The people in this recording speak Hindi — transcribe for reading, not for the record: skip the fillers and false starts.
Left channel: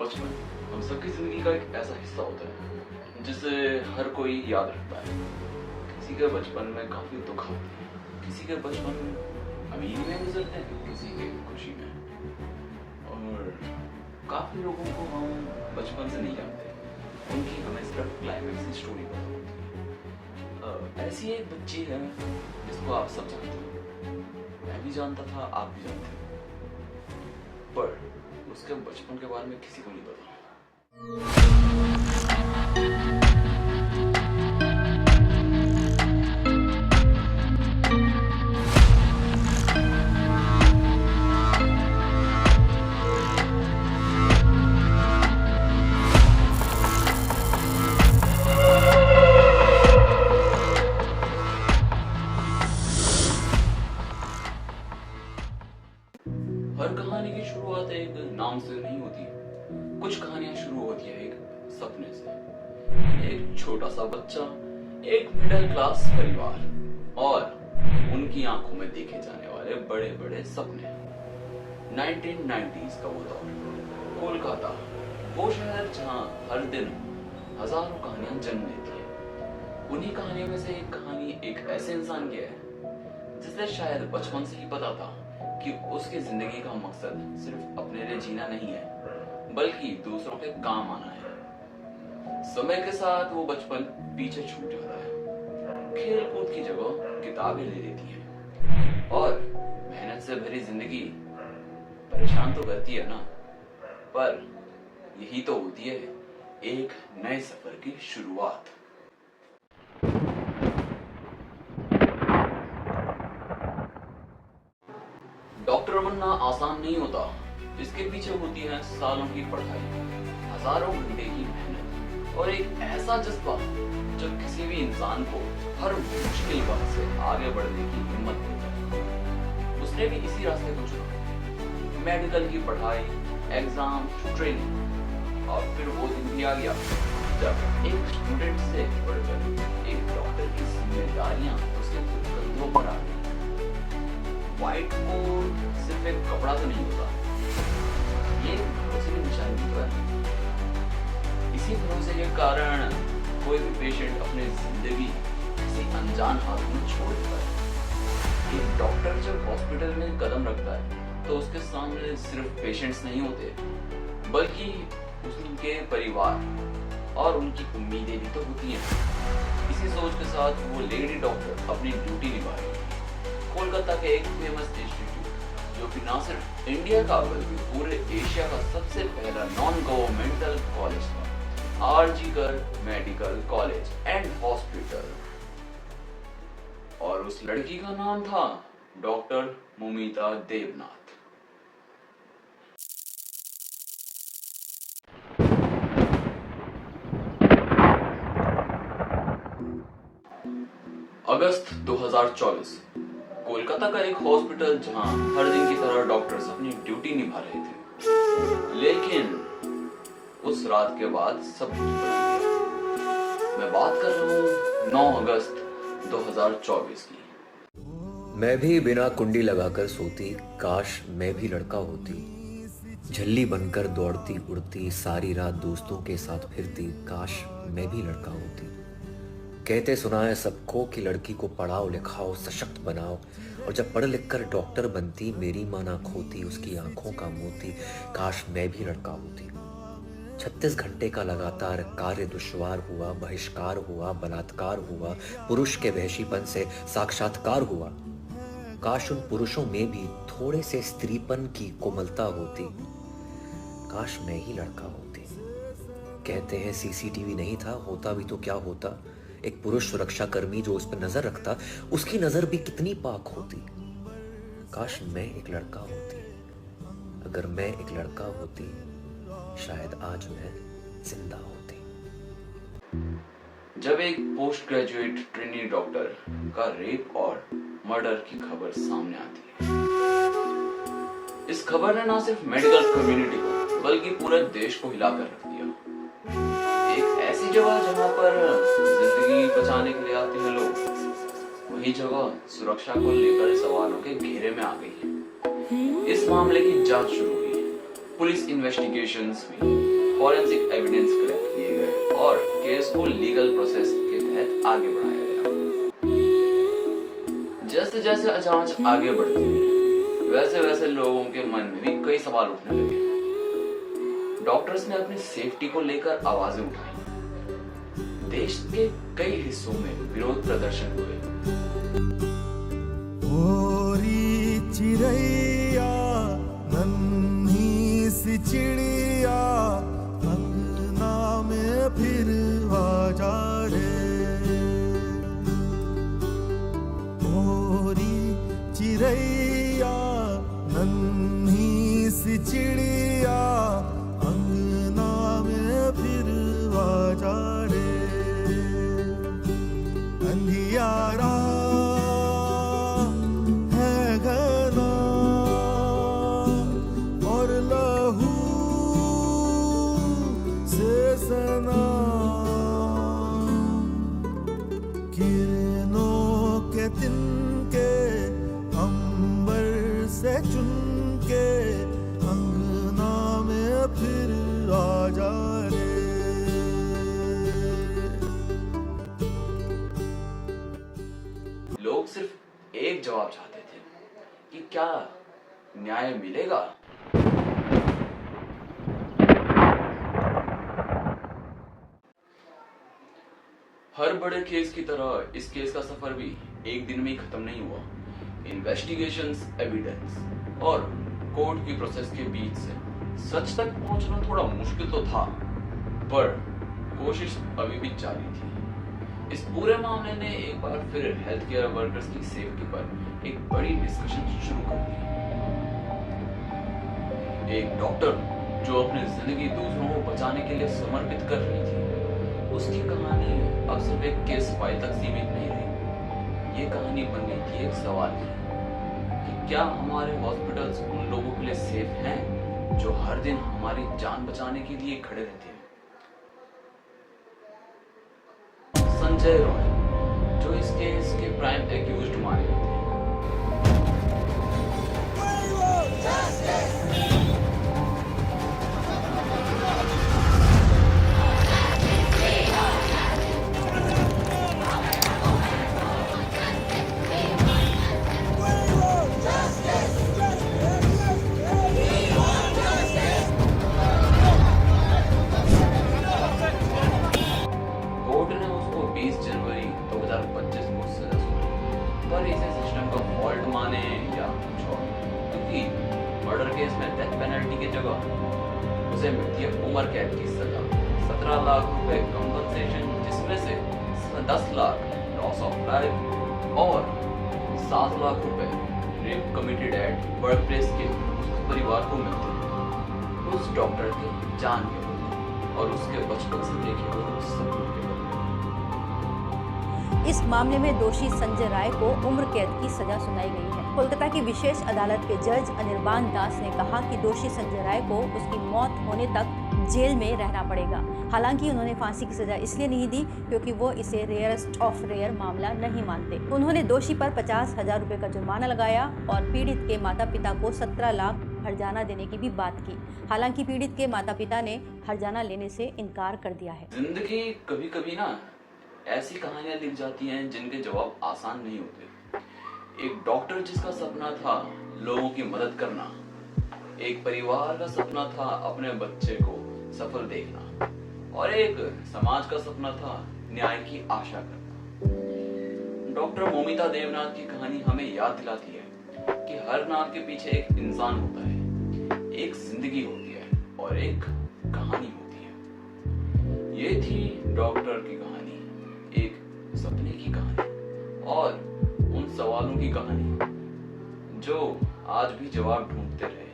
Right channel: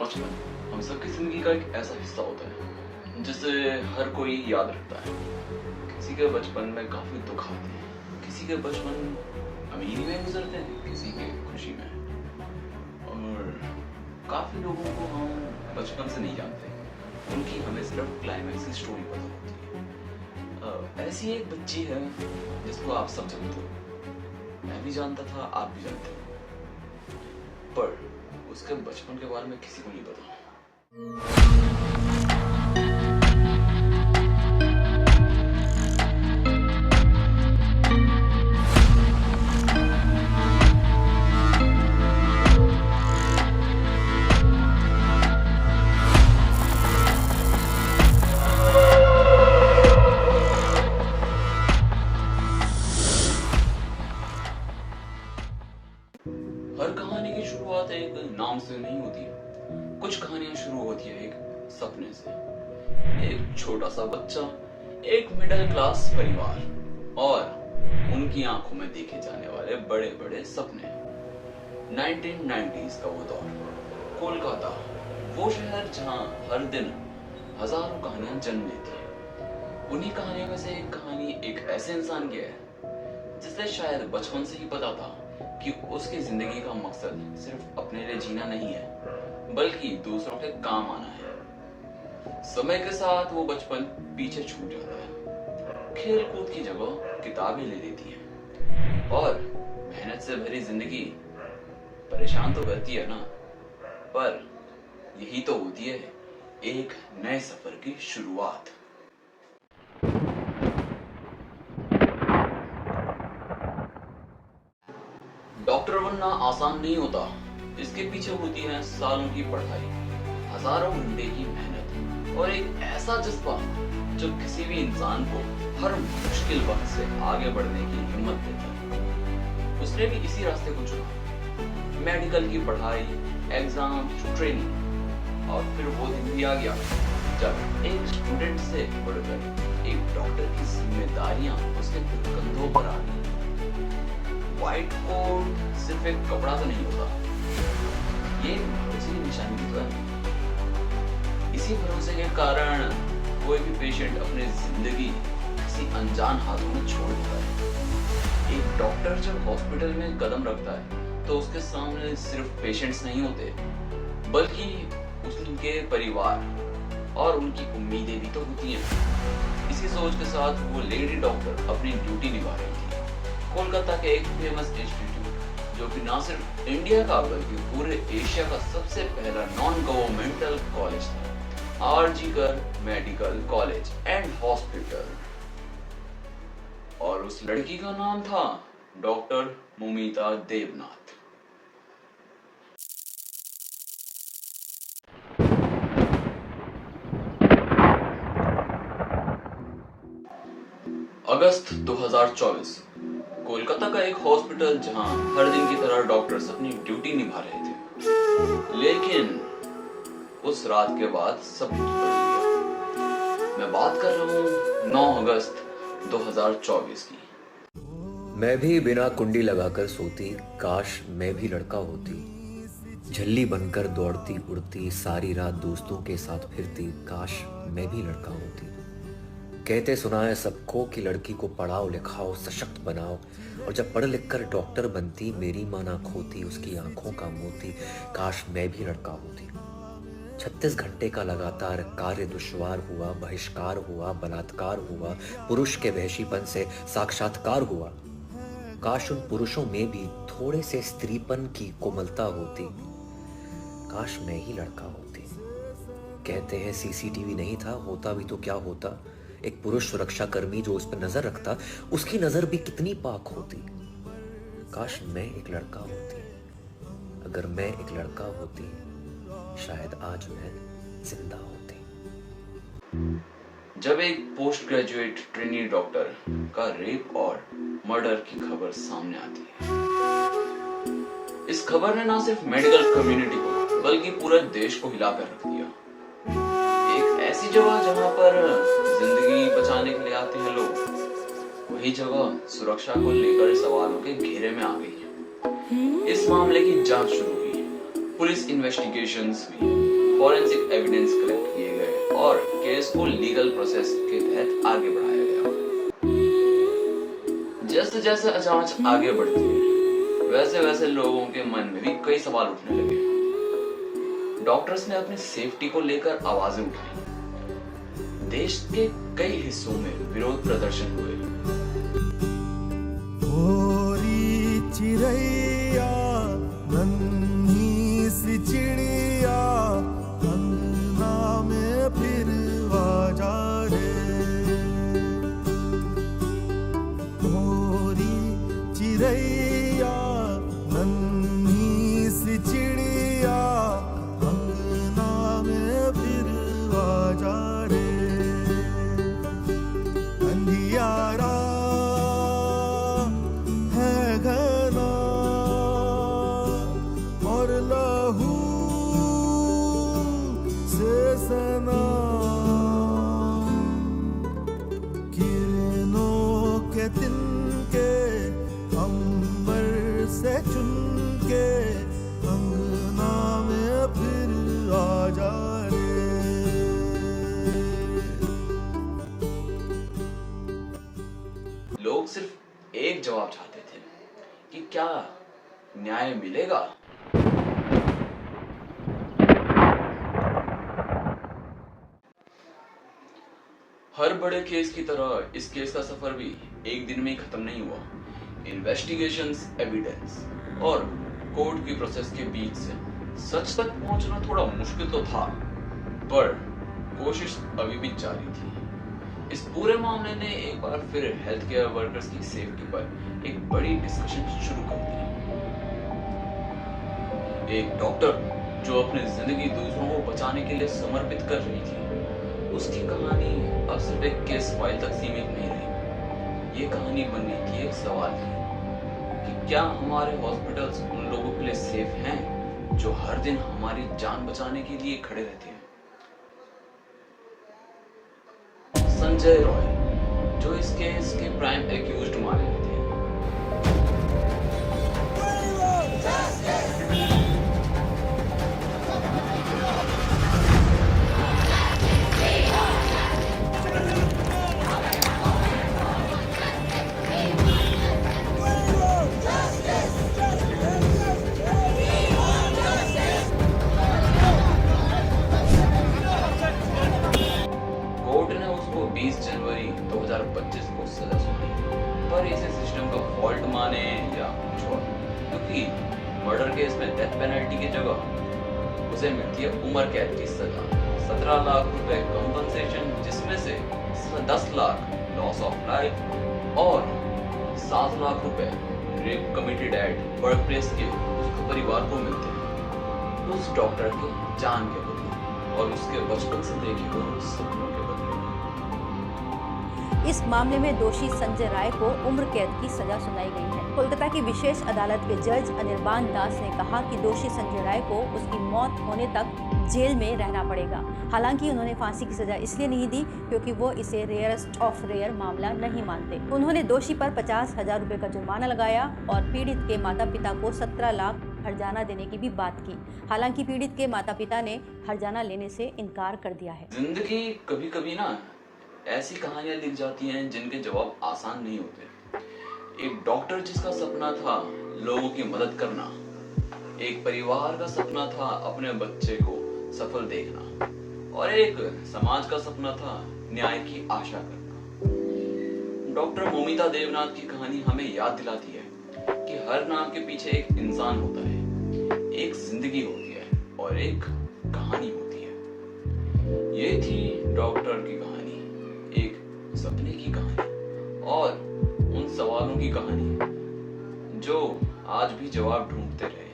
बचपन हम सबकी जिंदगी का एक ऐसा हिस्सा होता है जिसे हर कोई याद रखता है। किसी के बचपन में काफी दुख आते हैं, किसी के बचपन अमीरी में गुजरते हैं, किसी के खुशी में। और काफी लोगों को हम बचपन से नहीं जानते, उनकी हमें सिर्फ क्लाइमैक्स की स्टोरी पता होती है। ऐसी एक बच्ची है जिसको आप सब जानते हो, मैं भी जानता था, आप भी जानते हो, पर उसके बचपन के बारे में किसी को नहीं पता। हर कहानी की शुरुआत एक नाम से नहीं होती। कुछ कहानियां शुरू होती है एक सपने से। एक छोटा सा बच्चा, एक मिडिल क्लास परिवार और उनकी आंखों में देखे जाने वाले बड़े बड़े सपने। 1990s का वो दौर, कोलकाता, वो शहर जहां हर दिन हजारों कहानियां जन्म लेती है। उन्हीं कहानियों में से एक कहानी एक ऐसे इंसान की है जिसे शायद बचपन से ही पता था कि उसकी जिंदगी का मकसद सिर्फ अपने लिए जीना नहीं है, बल्कि दूसरों के काम आना है। समय के साथ वो बचपन पीछे छूट जाता है, खेल कूद की जगह किताबें ले लेती हैं और मेहनत से भरी जिंदगी परेशान तो करती है ना, पर यही तो होती है एक नए सफर की शुरुआत। डॉक्टर बनना आसान नहीं होता, इसके पीछे होती है सालों की पढ़ाई, हजारों घंटे की मेहनत और एक ऐसा जज्बा जो किसी भी इंसान को हर मुश्किल वक्त से आगे बढ़ने की हिम्मत देता है। उसने भी इसी रास्ते को चुना, मेडिकल की पढ़ाई, एग्जाम, ट्रेनिंग, और फिर वो दिन भी आ गया जब एक स्टूडेंट से बढ़कर एक डॉक्टर की जिम्मेदारियां उसके कंधों पर आ गई। व्हाइट कोट सिर्फ एक कपड़ा तो नहीं होता, ये भरोसे की निशानी होता है। इसी भरोसे के कारण कोई भी पेशेंट अपनी जिंदगी किसी अनजान हाथों में छोड़ देता है। एक डॉक्टर जब हॉस्पिटल में कदम रखता है तो उसके सामने सिर्फ पेशेंट्स नहीं होते, बल्कि उनके परिवार और उनकी उम्मीदें भी तो होती हैं। इसी सोच के साथ वो लेडी डॉक्टर अपनी ड्यूटी निभा रही थी। कोलकाता के एक फेमस इंस्टीट्यूट, जो कि ना सिर्फ इंडिया का बल्कि पूरे एशिया का सबसे पहला नॉन गवर्नमेंटल कॉलेज था, RG Kar medical college and hospital. और उस लड़की का नाम था डॉक्टर मुमिता देवनाथ। अगस्त 2024, कोलकाता का एक हॉस्पिटल जहां हर दिन की तरह डॉक्टर्स अपनी ड्यूटी निभा रहे थे। लेकिन उस रात के बाद सब कुछ बदल गया। मैं बात कर रहा हूँ 9 अगस्त 2024 की। मैं भी बिना कुंडी लगाकर सोती, काश मैं भी लड़का होती। झल्ली बनकर दौड़ती उड़ती, सारी रात दोस्तों के साथ फिरती, काश मैं भी लड़का होती। कहते सुना है सबको कि लड़की को पढ़ाओ लिखाओ, सशक्त बनाओ, और जब पढ़ लिख कर डॉक्टर बनती, मेरी माँ ना खोती उसकी आंखों का मोती, काश मैं भी लड़का होती। 36 घंटे का लगातार कार्य दुश्वार हुआ, बहिष्कार हुआ, बलात्कार हुआ, पुरुष के वहशीपन से साक्षात्कार हुआ। काश उन पुरुषों में भी थोड़े से स्त्रीपन की कोमलता होती, काश मैं ही लड़का होती। कहते हैं सीसीटीवी नहीं था, होता भी तो क्या होता, एक पुरुष सुरक्षा कर्मी जो उस पर नजर रखता, उसकी नजर भी कितनी पाक होती। काश मैं एक लड़का होती, अगर मैं एक लड़का होती, शायद आज मैं जिंदा होती। जब एक पोस्ट ग्रेजुएट ट्रेनी डॉक्टर का रेप और मर्डर की खबर सामने आती है, इस खबर ने ना सिर्फ मेडिकल कम्युनिटी को बल्कि पूरे देश को हिलाकर रख दिया। एक ऐसी जगह जहां पर जिंदगी बचाने के लिए आते हैं लोग, वही जगह सुरक्षा को लेकर सवालों के घेरे में आ गई। इस मामले की जांच शुरू हुई, पुलिस इन्वेस्टिगेशंस हुई, फॉरेंसिक एविडेंस कलेक्ट किए गए और केस को लीगल प्रोसेस के तहत आगे बढ़ाया गया। जैसे जैसे जांच आगे बढ़ती है, वैसे वैसे लोगों के मन में भी कई सवाल उठने लगे। डॉक्टर्स ने अपनी सेफ्टी को लेकर आवाजें उठाई। देश के कई हिस्सों में विरोध प्रदर्शन हुए। ओरी चिड़ैया नन्ही सी चिड़िया अंगना में फिर आजा रे। ओरी चिड़ैया नन्ही सी चिड़िया अंगना में फिर आजा रे। अंधियारा है घना और लहू से सना, किरणों के तिनके अंबर से चुनके अंगना में फिर आजा रे। लोग सिर्फ एक जवाब चाहते थे कि क्या न्याय मिलेगा। हर बड़े केस की तरह इस केस का सफर भी एक दिन में ही खत्म नहीं हुआ। इन्वेस्टिगेशंस, एविडेंस और कोर्ट की प्रोसेस के बीच से सच तक पहुंचना थोड़ा मुश्किल तो था, पर कोशिश अभी भी जारी थी। इस पूरे मामले ने एक बार फिर हेल्थ केयर वर्कर्स की सेफ्टी पर एक बड़ी डिस्कशन शुरू कर दी। एक डॉक्टर जो अपनी जिंदगी दूसरों को बचाने के लिए समर्पित कर रही थी, उसकी कहानी अब सिर्फ एक केस फाइल तक सीमित नहीं रही। ये कहानी बन गई थी एक सवाल की कि क्या हमारे हॉस्पिटल्स उन लोगों के लिए सेफ हैं जो हर दिन हमारी जान बचाने के लिए खड़े रहते हैं। संजय रॉय, जो इस केस के प्राइम एक्यूज्ड माने गए थे, कोर्ट ने उसको 20 जनवरी 2025 को सजा सुनाई, पर इसे सिस्टम का फॉल्ट माने या कुछ और, क्योंकि मर्डर केस में डेथ पेनल्टी की जगह उसे मिलती है उम्र कैद की सजा, 17 लाख रुपए कंपनसेशन, जिसमें से 10 लाख लॉस ऑफ लाइफ और 7 लाख रुपए rape committed at work place के उसके परिवार को मिलते हैं, उस डॉक्टर के जान के बदले और उसके बचपन से देखे हुए सपनों के बदले। इस मामले में दोषी संजय राय को उम्र कैद की सजा सुनाई गई है। कोलकाता की विशेष अदालत के जज अनिर्बान दास ने कहा कि दोषी संजय राय को उसकी मौत होने तक जेल में रहना पड़ेगा। हालांकि उन्होंने फांसी की सजा इसलिए नहीं दी क्योंकि वो इसे रेयरेस्ट ऑफ रेयर मामला नहीं मानते। उन्होंने दोषी पर 50,000 रुपए का जुर्माना लगाया और पीड़ित के माता पिता को 17 लाख हर्जाना देने की भी बात की। हालांकि पीड़ित के माता पिता ने हर्जाना लेने से इनकार कर दिया है। जिंदगी कभी कभी ना ऐसी कहानियां लिख जाती हैं जिनके जवाब आसान नहीं होते। एक डॉक्टर जिसका सपना था लोगों की मदद करना, एक परिवार का सपना था अपने बच्चे को सफल देखना, और एक समाज का सपना था न्याय की आशा करना। डॉक्टर मोमिता देवनाथ की कहानी हमें याद दिलाती है कि हर नाम के पीछे एक इंसान होता है, एक जिंदगी होती है और एक कहानी होती है। ये थी डॉक्टर की कहानी, एक सपने की कहानी और उन सवालों की कहानी जो आज भी जवाब ढूंढते रहे हैं।